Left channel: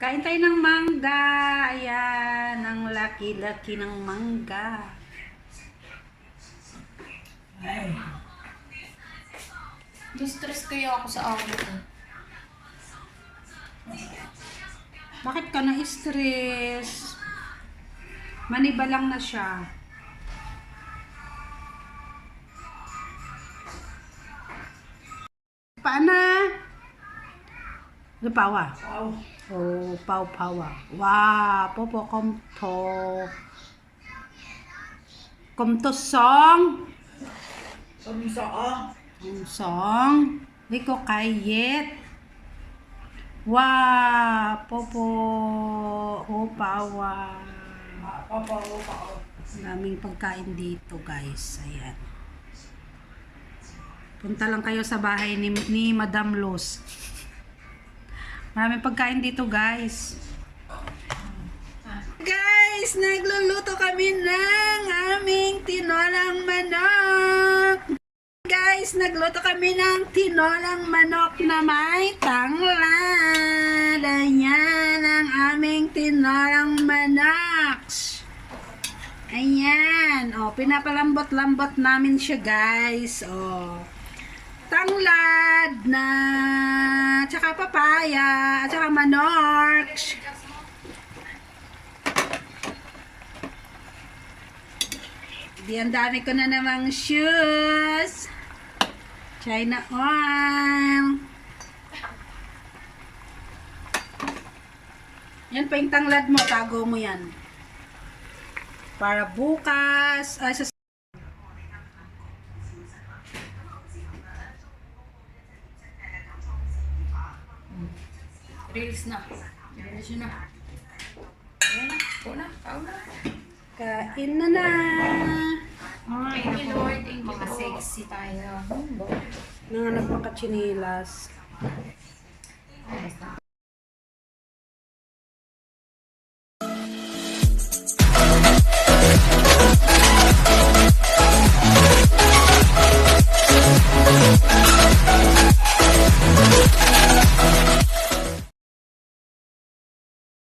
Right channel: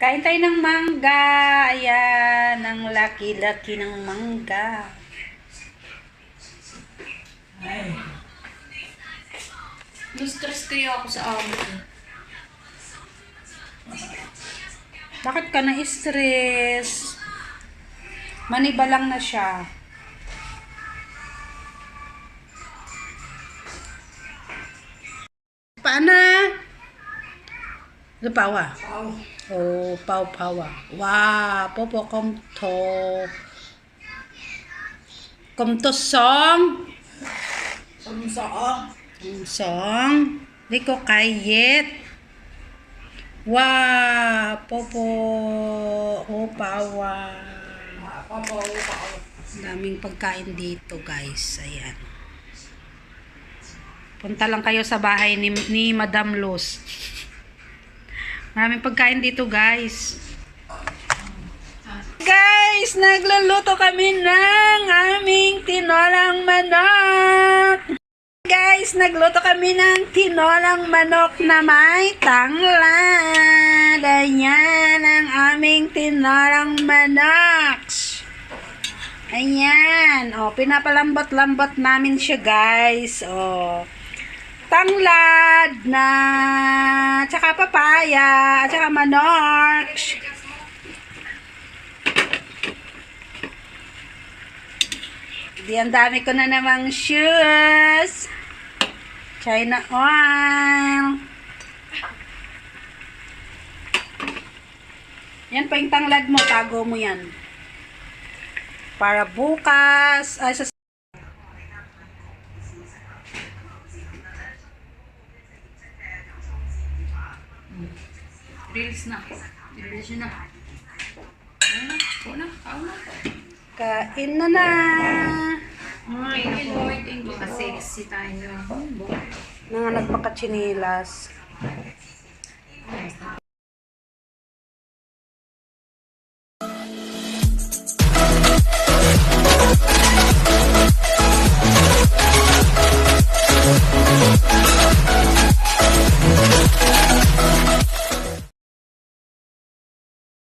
Kain tayo ng mangga. Ayan, ang laki-laki ng mangga. Ay. Na-stress kaya ako sa amo ko. Bakit ka na-stress? Maniba lang na siya. Paana? Lupawa. Pao. Oh, pau-pawa. Wow, popo komto song. Samsaan. Song. Di ko kayet. Wow, popo. Oh, pawa. Pao. Daming pagkain dito, guys. Ayan. Punta lang kayo sa bahay ni Madam Luz. Maraming pagkain dito, guys. Guys, nagluluto kami ng aming tinolang manok. Guys, nagluto kami ng tinolang manok na may tanglad. Ayan ang aming tinolang manok. Ayan. O, pinapalambot-lambot namin siya, guys. O, tanglad na, tsaka papaya, tsaka manok. Di, ang dami ko na namang shoes. China oil. Yan pa yung tanglad mo, tago mo yan. Para bukas, ay sa Reels na. Reels na. Ayun na. kain na na. Ay, in order, mga sexy tayo. Nanganak pa ka chinilas.